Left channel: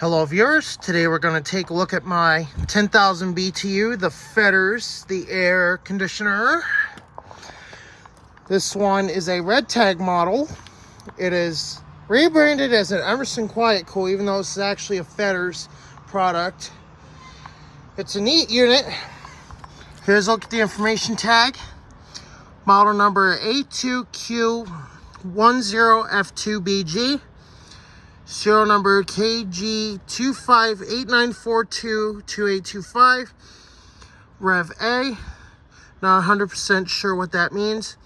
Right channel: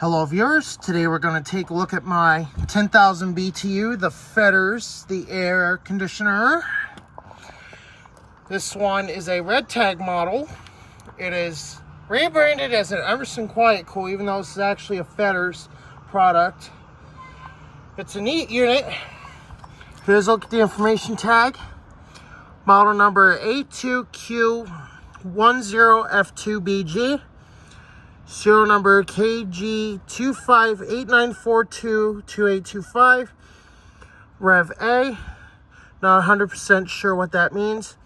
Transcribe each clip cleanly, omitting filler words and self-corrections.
Hello viewers, today we're going to take a look at my 10,000 BTU, the Fedders, the air conditioner. This one is a red tag model. It is rebranded as an Emerson Quiet Cool, even though this is actually a Fedders product. It's a neat unit. Here's a look at the information tag. Model number A2Q10F2BG. Serial number KG2589422825. Rev A. Not 100% sure what that means.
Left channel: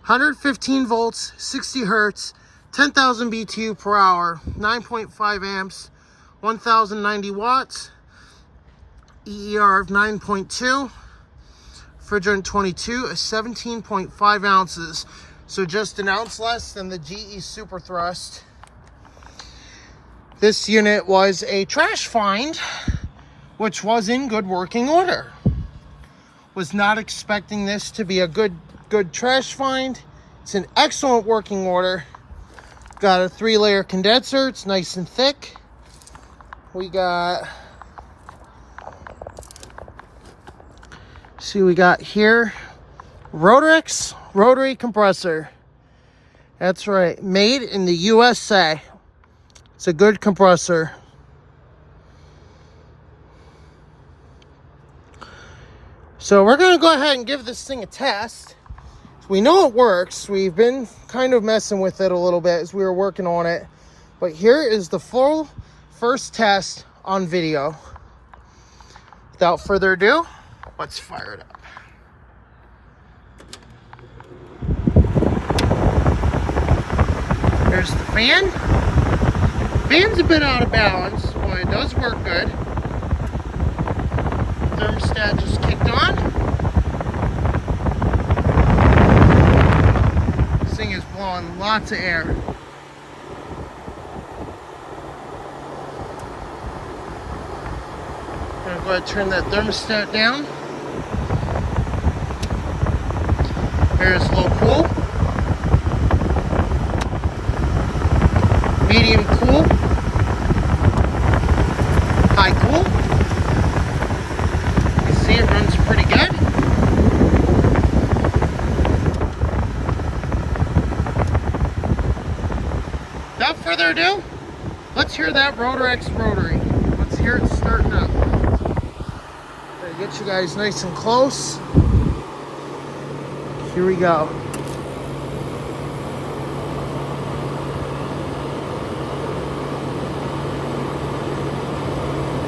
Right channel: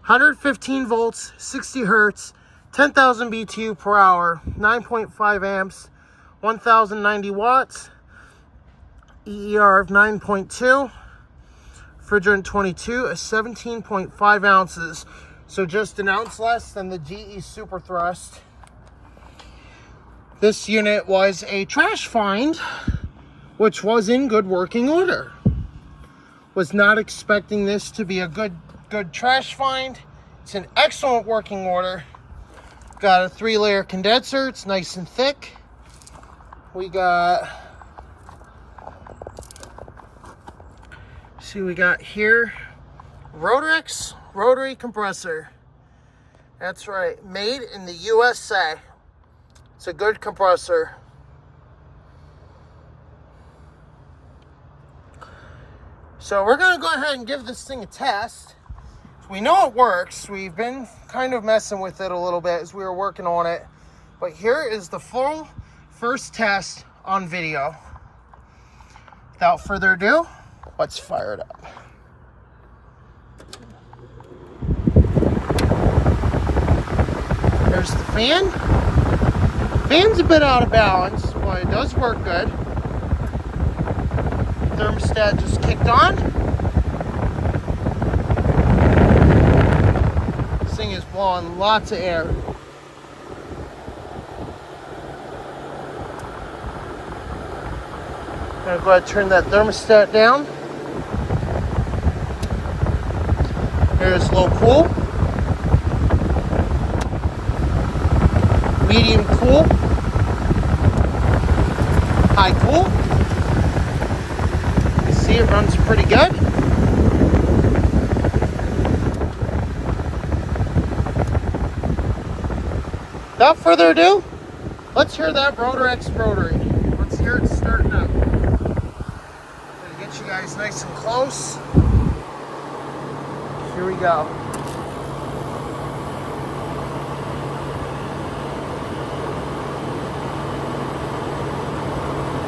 115 volts, 60 hertz, 10,000 BTU per hour, 9.5 amps, 1,090 watts, EER of 9.2, refrigerant 22, 17.5 ounces. So just an ounce less than the GE Super Thrust. This unit was a trash find, which was in good working order. Was not expecting this to be a good trash find. It's in excellent working order. Got a 3-layer condenser. It's nice and thick. We got, see, we got here Rotorex rotary compressor. That's right, made in the USA. It's a good compressor. So we're going to go ahead and give this thing a test. We know it works. We've been kind of messing with it a little bit as we were working on it. But here is the full first test on video. Without further ado, let's fire it up. There's the fan. Fan's a bit out of balance, but it does work good. Thermostat just kicked on. This thing is blowing lots of air. I'm gonna go ahead and turn that thermostat down. Here's low cool. Medium cool, high cool. You see it runs pretty good. Without further ado, let's hear that Rotorex rotary. Let's hear it starting up. Gotta get you guys nice and close. Here we go.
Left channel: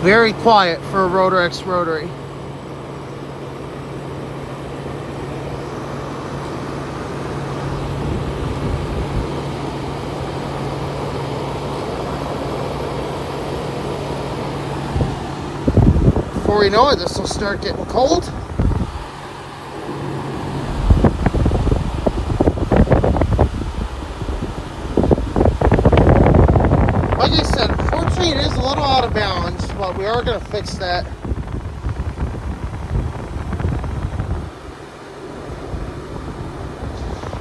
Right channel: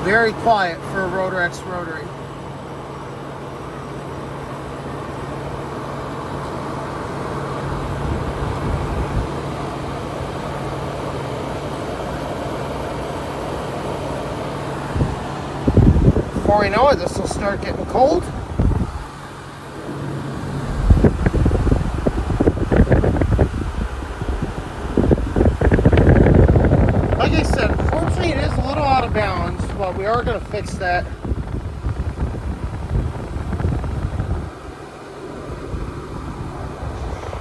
Very quiet for a Rotorex rotary. Before we know it, this will start getting cold. Like I said, unfortunately it is a little out of balance, but we are going to fix that.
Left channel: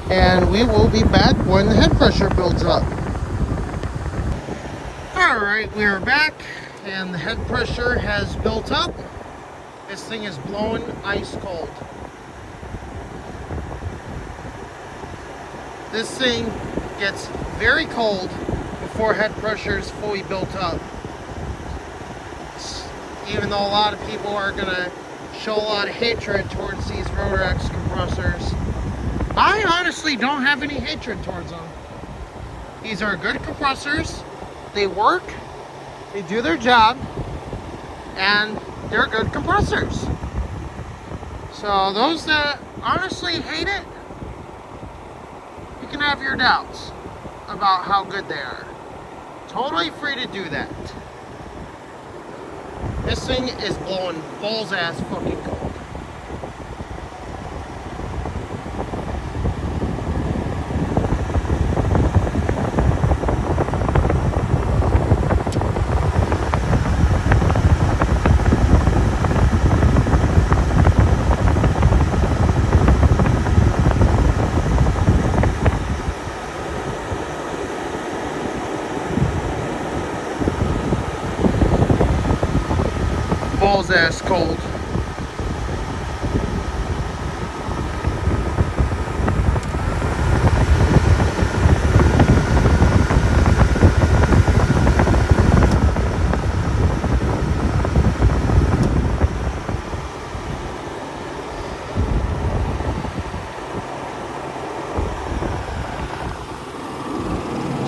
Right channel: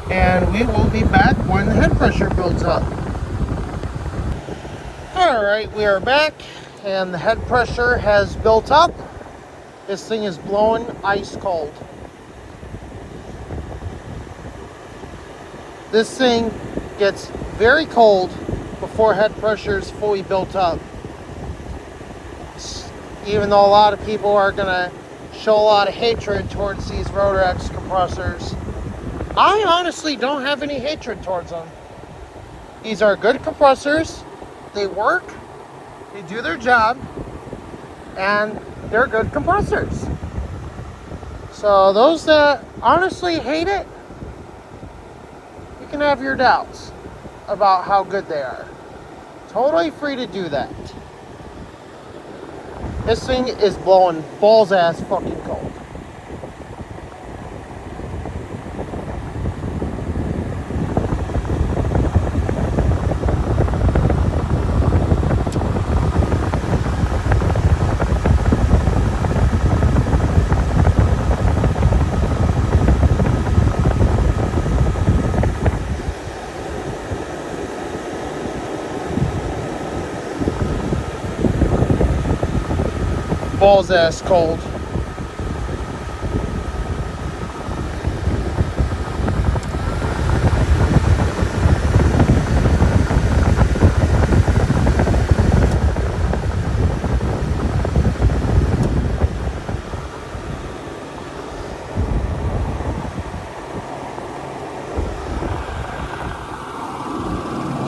And we will be back when the head pressure builds up. Alright, we are back, and the head pressure has built up. This thing is blowing ice cold. This thing gets very cold before head pressure is fully built up. Even though a lot of people are going to show a lot of hatred towards these Rotorex compressors, I honestly don't have any hatred towards them. These are good compressors. They work, they do their job, and they're good compressors. So those that honestly hate it, you can have your doubts about how good they are. Totally free to do that. This thing is blowing balls ass fucking cold. balls ass cold.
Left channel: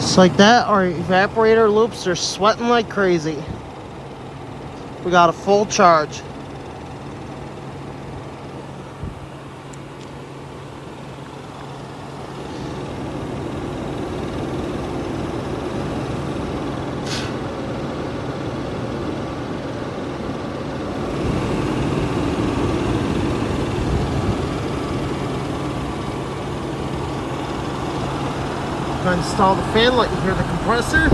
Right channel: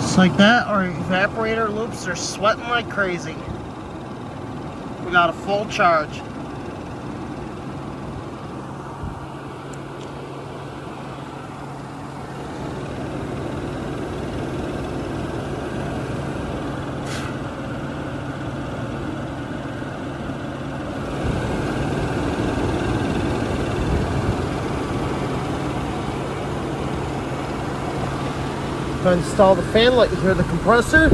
Just like that, our evaporator loops are sweating like crazy. We got a full charge. To install the fan, let you hear the compressor.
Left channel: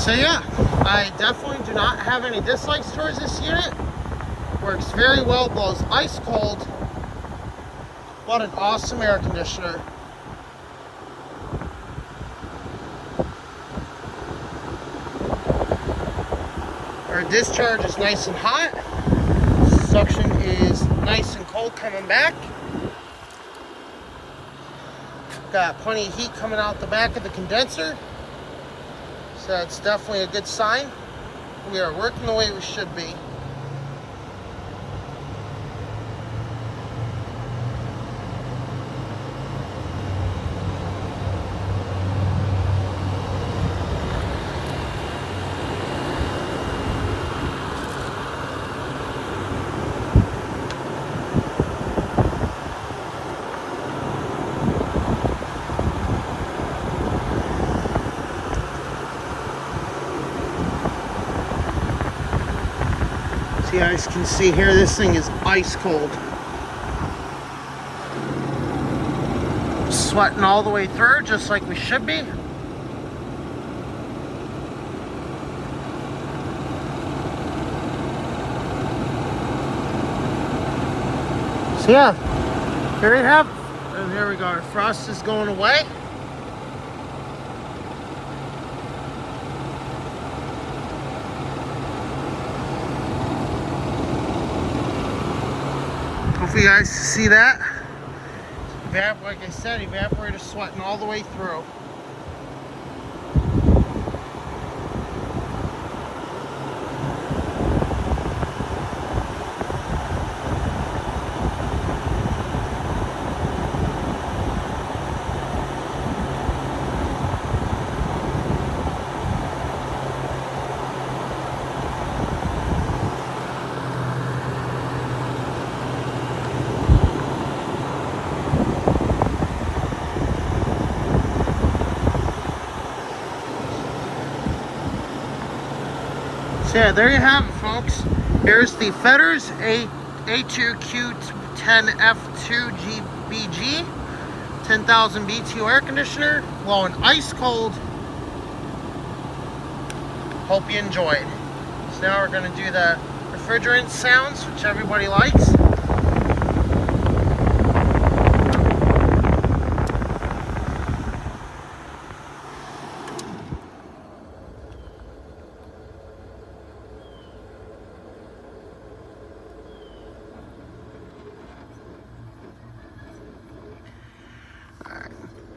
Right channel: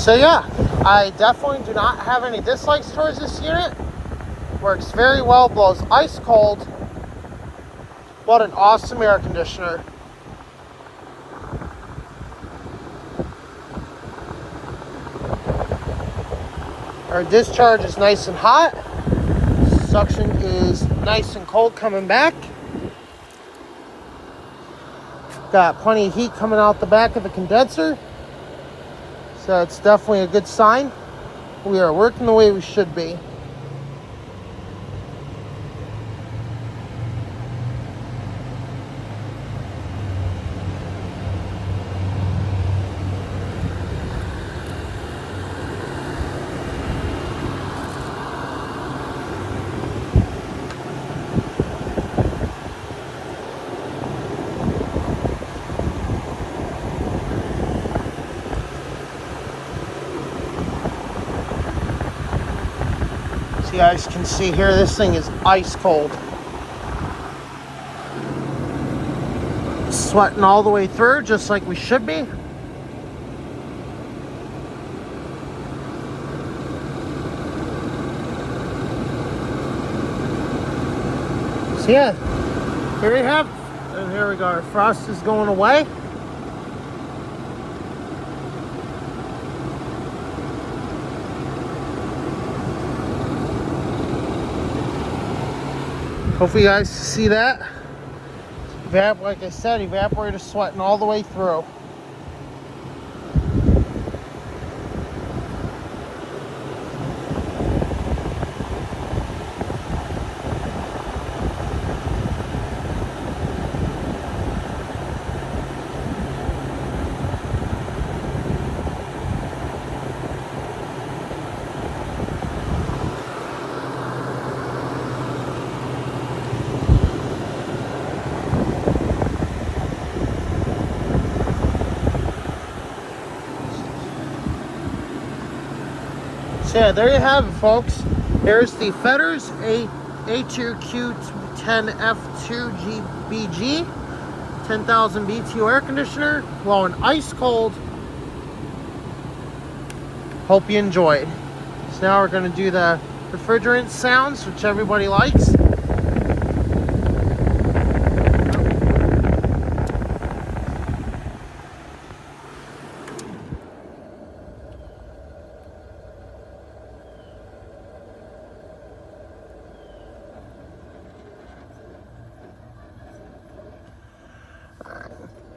So yeah, I definitely do not have any dislikes towards this unit. Works very well, blows ice cold. What an awesome air conditioner. Our discharge is nice and hot. Suction is nice and cold coming back. Got plenty of heat coming out the back of the condenser. So it's definitely a good sign. We are working the way we should be. So you guys can see here, this thing is ice cold. Sweating all the way through, just like we should be. So yeah, there you have it. And here we go, our frost is going away. Hopefully you guys see that. Like I said, evaporator sweating all the way through. So yeah, there you have it, folks. Here's the Fedders A2Q10F2BG 10,000 BTU air conditioner, blowing ice cold. Hope you enjoyed. So now we're going to do the refrigerant sounds, which everybody likes.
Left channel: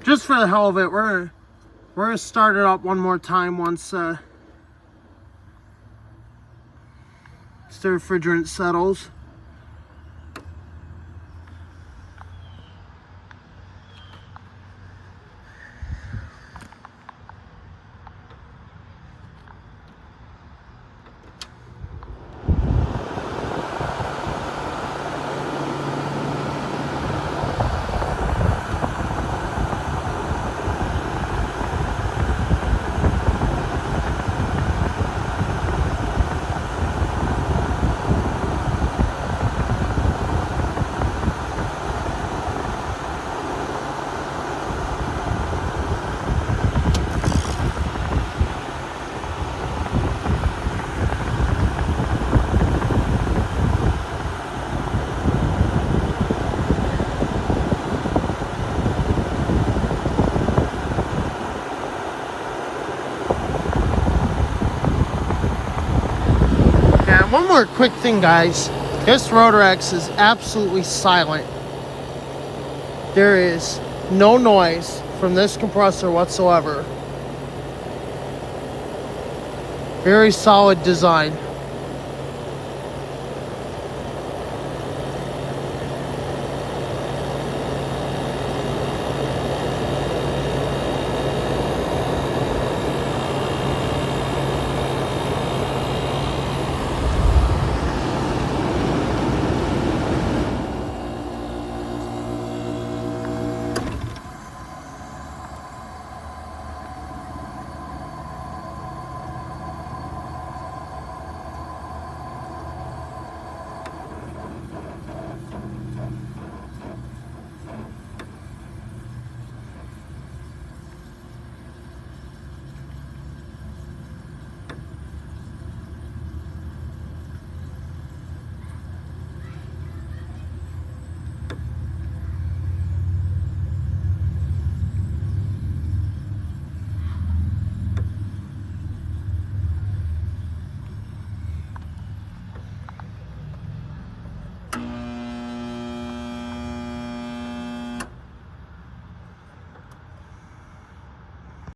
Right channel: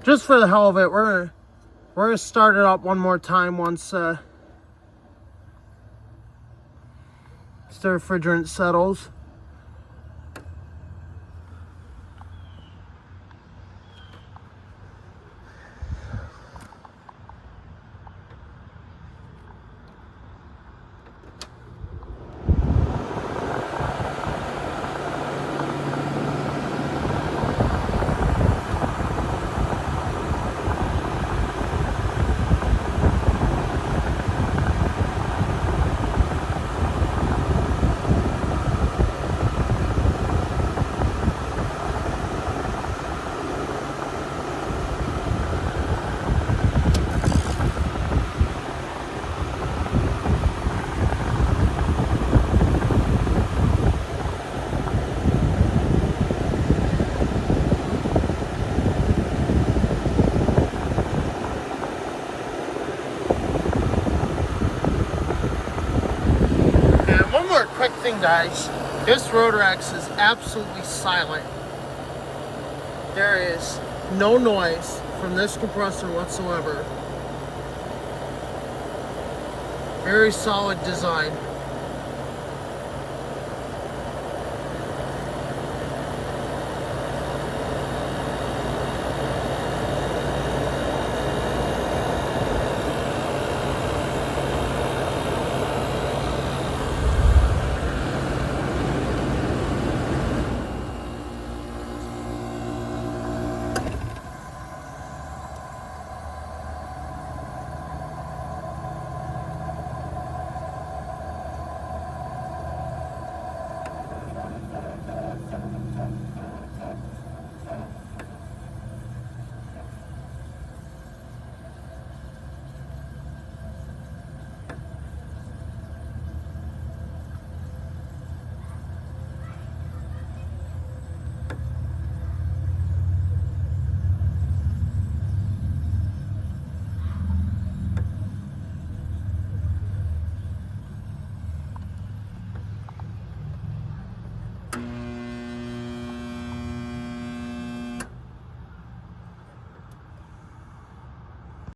Just for the hell of it, we're gonna start it up one more time once the refrigerant settles. thing, guys. This Rotorex is absolutely silent. There is no noise from this compressor whatsoever. Very solid design.